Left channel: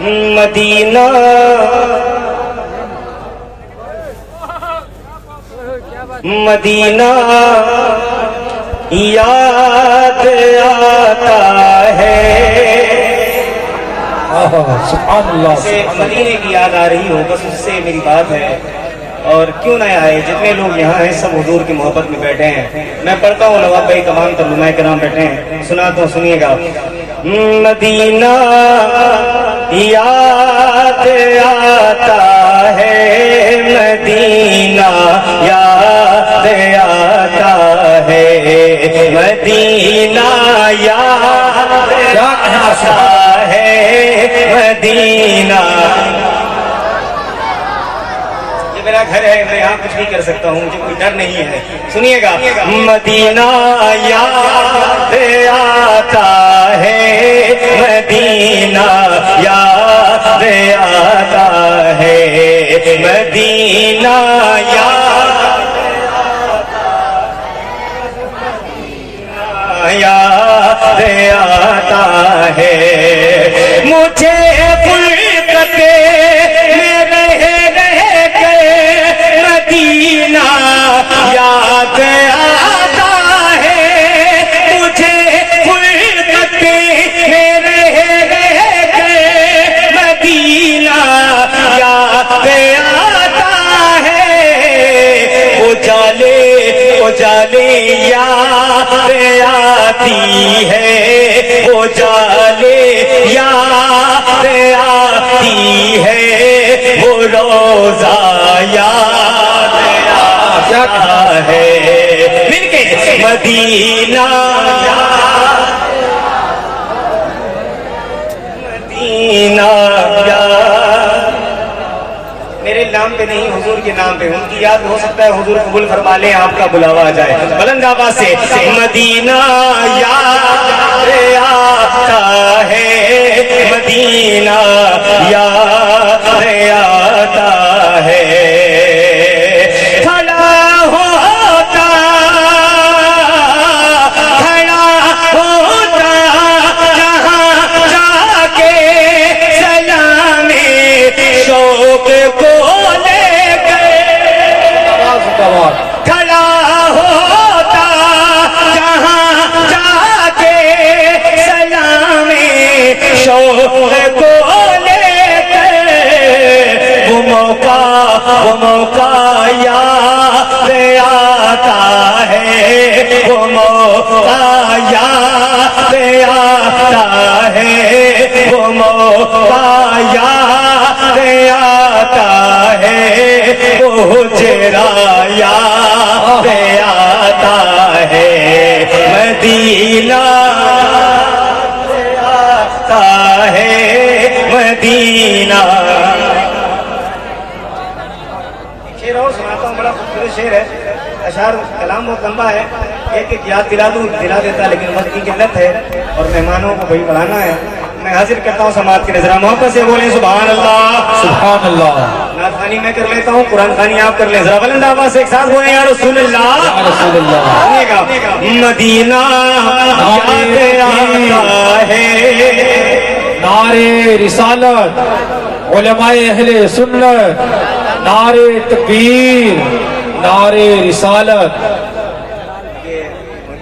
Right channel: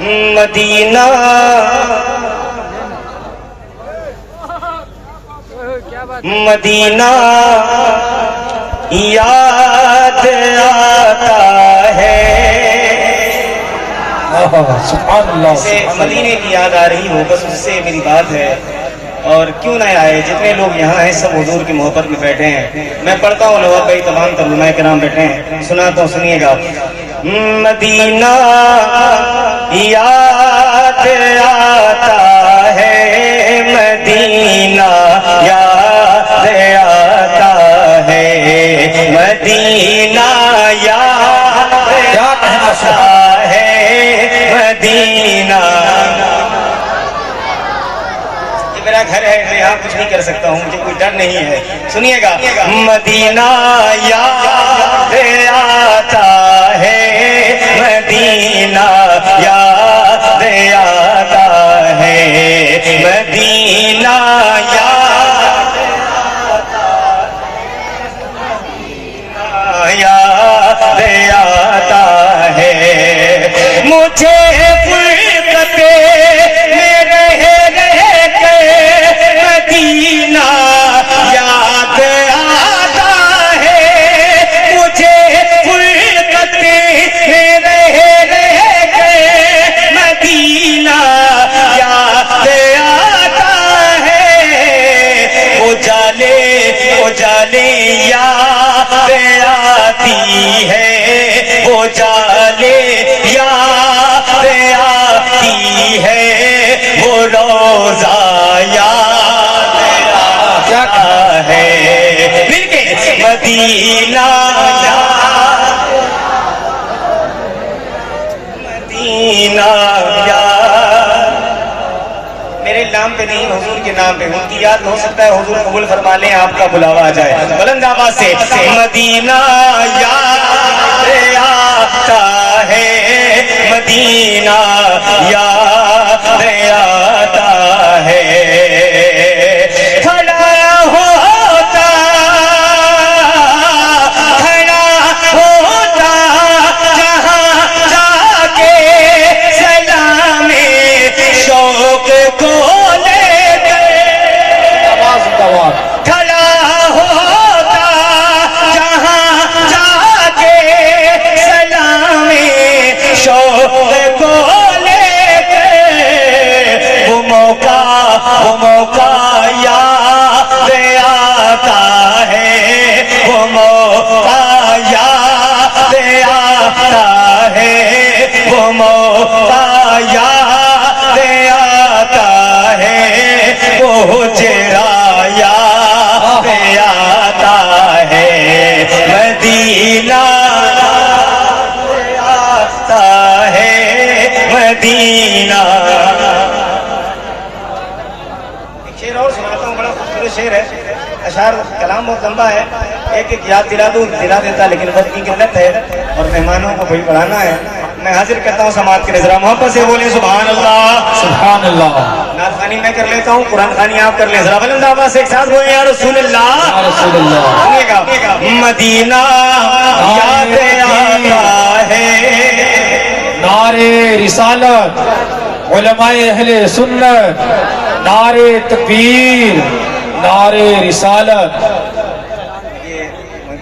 مدینہ مدینہ یاد آتا ہے. مدینے کی یاد آ رہی ہو بس اس سے میری بات ہے. اور کیوں نہ آئے جتنے لوگ یہاں ہیں سب حضور کی محبت میں بیٹھے ہیں. میں پڑھتا ہوں نواب بھائی تمام ترجمہ کرام بیٹھے ہیں سناتا ہوں سنیے گا. مدینہ یاد آتا ہے مدینہ یاد آتا ہے مدینہ یاد آتا ہے مدینہ. یہ میرا گھر ہے میں یہاں کچھ نہیں کر سکتا ہوں مجھے کوئی ڈر نہیں ہے. سنیے گا. مدینہ یاد آتا ہے مدینہ یاد آتا ہے مدینہ یاد آتا ہے. مجھے فرقتے میں رہ کے مدینہ یاد آتا ہے. مجھے فرقتے میں رہ کے مدینہ یاد آتا ہے. اجالے یاد آتی ہے اجالے یاد آتی ہے وہ روزہ یاد آتا ہے. مل کے مدینہ مدینہ میرے نام پہ نہیں حضور کے نام پہ ان کی یاد ہو سکتا ہے حضور قبول فرما لیں آپ کا بلاوا آ جائے. بلند آواز سے مدینہ یاد آتا ہے مدینہ یاد آتا ہے. کھڑا ہوتا جہاں جا کے سلام شوق کو مدینہ آتا ہے مدینہ. شعر اور سناتا ہوں بڑا خوبصورت شعر ہے. اشعار کلام بہت لمبا ہے ایک ایک یاد دلا دیتا لیکن وقت کی قلت ہے اور مہمانوں کو بھائی بڑھانا ہے. میں حاضر کرتا ہوں سماعت کے نظر محبت سے بولیں سبحان اللہ سبحان اللہ. نعت خوانی میں کر لیتا ہوں قرآن خوانی آپ کر لیں ذرا بلند آواز سے ایک ساتھ بولیں یا رسول اللہ یا رسول اللہ. سنیے گا. مدینہ یاد آتا ہے نعرے رسالت علماء اہل سنت نعرے تکبیر نعرے رسالت.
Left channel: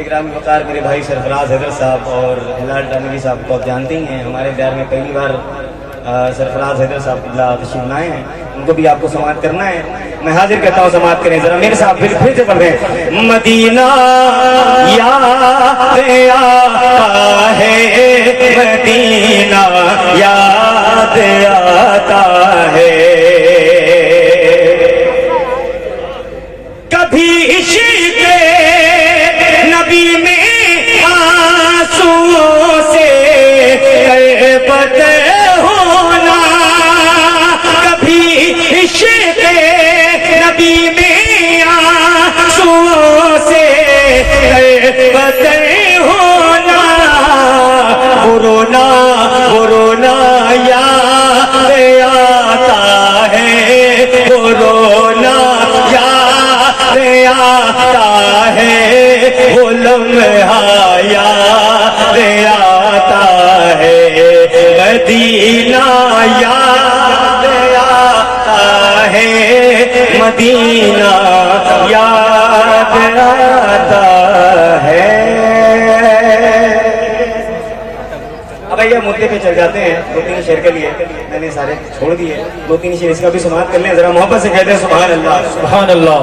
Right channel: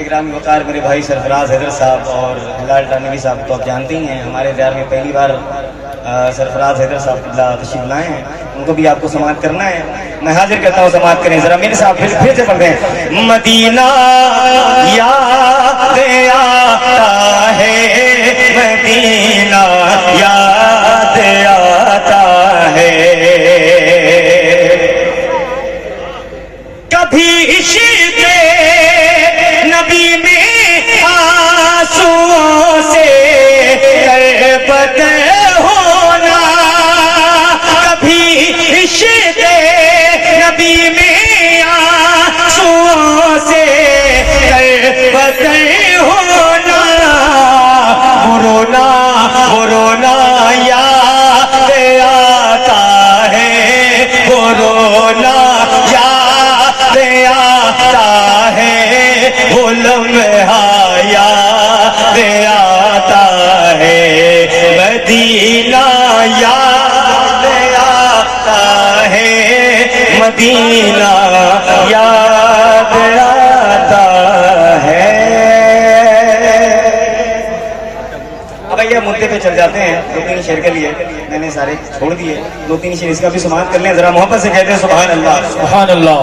گرامی وقار میرے بھائی سرفراز حضرت صاحب اور ہلال نبی صاحب کو آپ جانتے ہی ہیں. ہمارے دیار میں پہلی بار سرفراز حضرت صاحب تشریف لائے ہیں ان کو بھی آپ کو سماعت کرنا ہے. میں حاضر کہتا ہوں سماعت کریں ذرا میرے صاحب پھر سے پڑھ رہے ہیں. مدینہ یاد آتا ہے مدینہ یاد آتا ہے. کبھی عشق نبی میں آنسوؤں سے غربت ہونا کبھی عشق نبی میں آنسوؤں سے غربت ہونا. رونا یاد مدینہ یاد آتا ہے. اب یہ مدے پہ چل جاتے ہیں. 2-3 شعر کے لیے میں نے سارے چھوڑ دیے. 2-3 شعر اس کا بھی سماعت کر لیں. ذرا محبت سے کہتے ہیں سبحان اللہ. سبحان اللہ.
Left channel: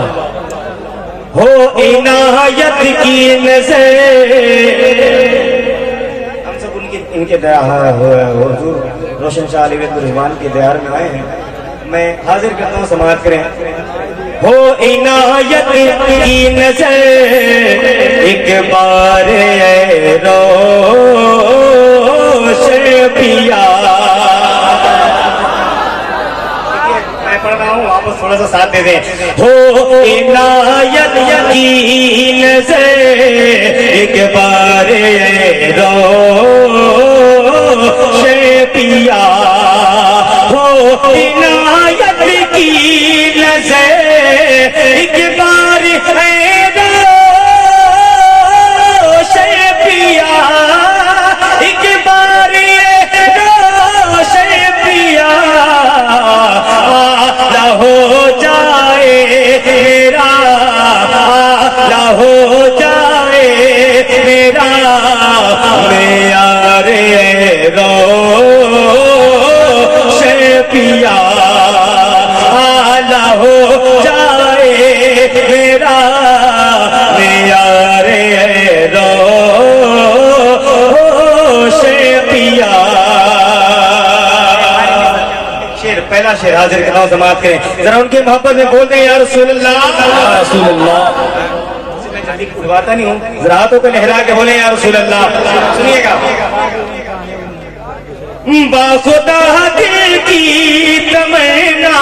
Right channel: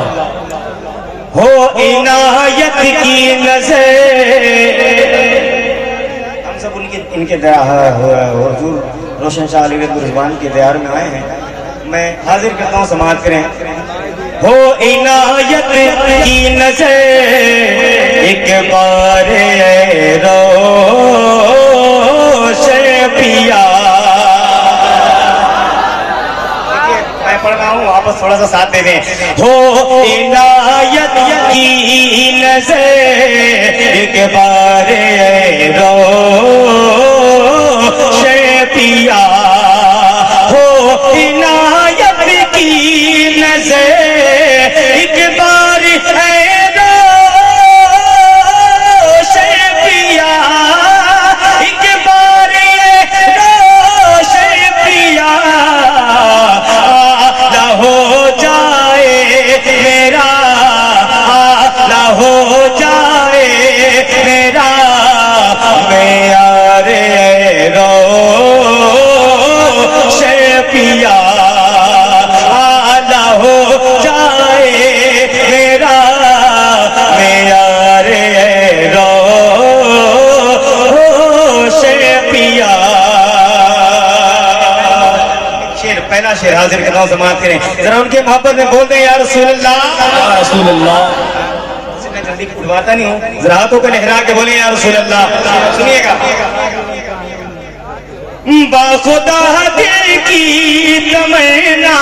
ہو عنایت کی نظر. ہم سب ان کے حضور روشن شاہ علی رضوان کے دیار میں آئے ہیں. میں حاضر کرتا ہوں سماعت کریں. ہو عنایت کی نظر ایک بار اے روشن پیا. میں پڑھ رہا ہوں واپس تھوڑا سا ساتھ دے دیں. ہو عنایت کی نظر ایک بار اے روشن پیا. ہو عنایت کی نظر ایک بار اے روشن پیا. ایک بار اے روشن پیا. آلہ ہو جائے میرا, آلہ ہو جائے میرا معیار روشن پیا. آلہ ہو جائے میرا معیار روشن پیا. شعر پہلا شعر حاضر کرنا ہوں سماعت کریں. ذرا ان کے محبت میں بول دیں یا رسول اللہ. یا رسول اللہ. میں جلدی اٹھواتا نہیں ہوں. ذرا ہاتھوں کو لہرا کے بولیں یا رسول اللہ. سنیے گا. باخدا دل کی تمنا,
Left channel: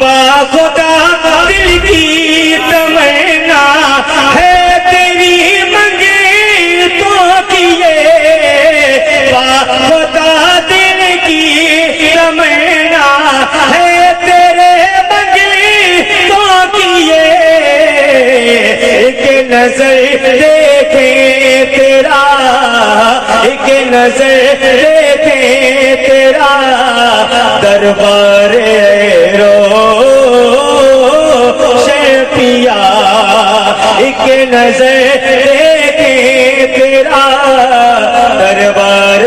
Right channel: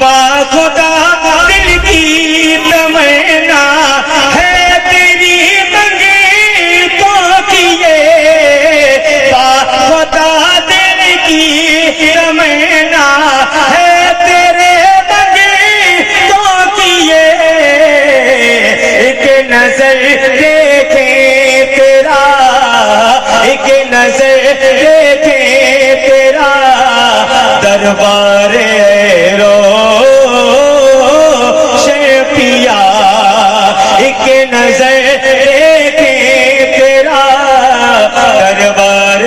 باخدا دل کی تمنا ہے تیری منگتوں کی. باخدا دل کی تمنا ہے تیرے منگتوں کی. ایک نظر دیکھے تیرا, ایک نظر دیکھے تیرا دربار روشن پیا. ایک نظر دیکھے تیرا دربار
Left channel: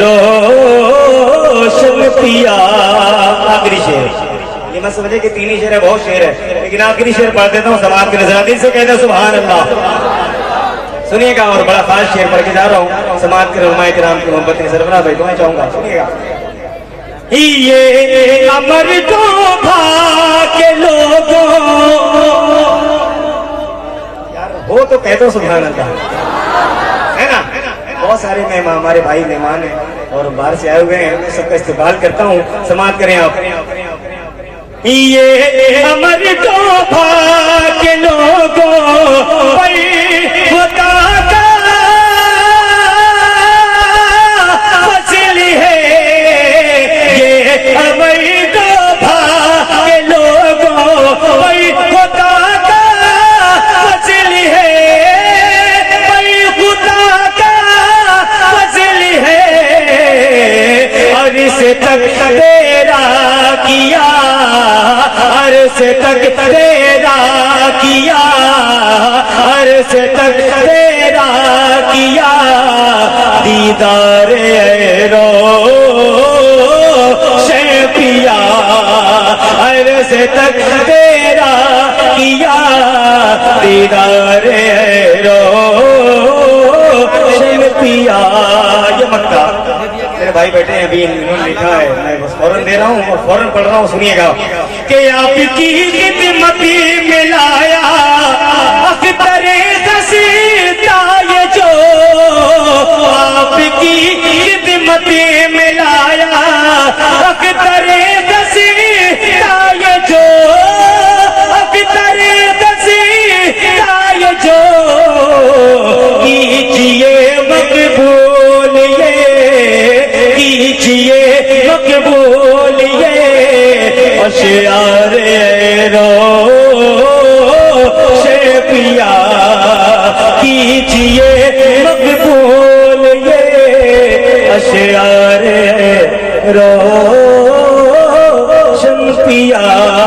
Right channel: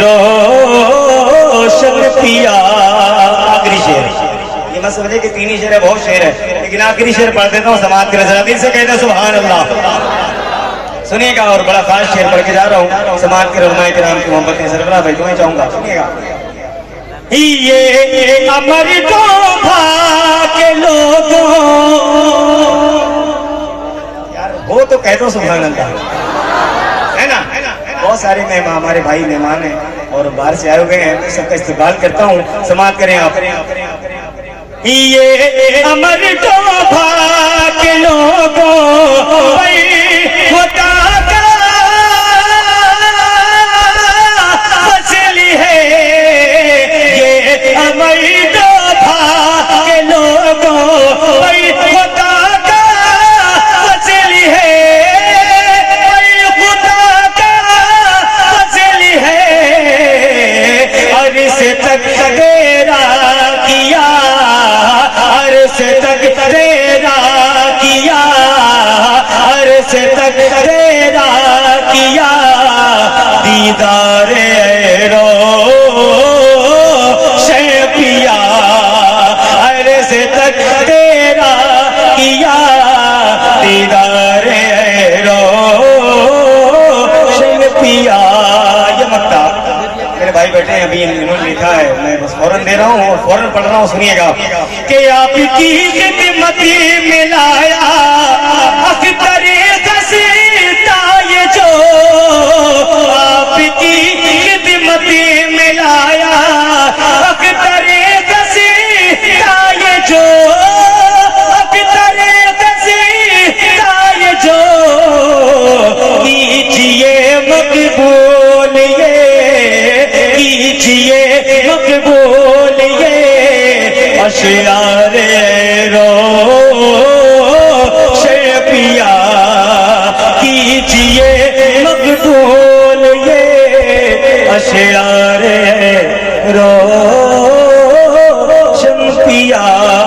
روشن پیا. آخری شعر یہ مت سمجھے کہ 3 ہی شعر ہے, بہت شعر ہے, لیکن آخری شعر پڑھ دیتا ہوں سماعت کریں. ذرا دل سے کہتے ہیں سبحان اللہ. سنیے گا. اور بڑا خاص شعر پڑھ کے جا رہا ہوں. سماعت کے علماء کرام کی محبت میں سربراہ بھائی تمہیں چاہوں گا. سنیے گا. یہ امر توبہ کے لوگوں, یار وہ تو کہہ دو سبحان اللہ, ہے نا. بہت سارے مہمان ہمارے بھائی مہمان ہیں اور باہر سے آئے ہوئے ہیں. سب کا استقبال کرتا ہوں. سماعت کریں آپ. یہ امر توبہ کے لوگوں خدا کا فضل ہے. یہ امر توبہ کے لوگوں خدا کا فضل ہے. خدا کا فضل ہے. عرش تک تیرا کیا, عرش تک تیرا کیا, عرش تک تیرا کیا دیدار روشن پیا. عرش تک تیرا کیا دیدار روشن پیا. یہ مکہ میرے بھائی بیٹھے ہیں ابھی, انہوں نے لکھا ہے, میں بس فوراً دے رہا ہوں اور فوراً پڑھ رہا ہوں. سنیے گا. کہ آپ کی خدمت میں لایا اختر غسیتا یہ جو, آپ کی خدمت میں لایا اختر غسیتا یہ جو, اختر غسیتا یہ جو. کیجئے مقبول یہ, کیجئے مقبول یہ اشعار روشن پیا. کیجئے مقبول یہ اشعار روشن یا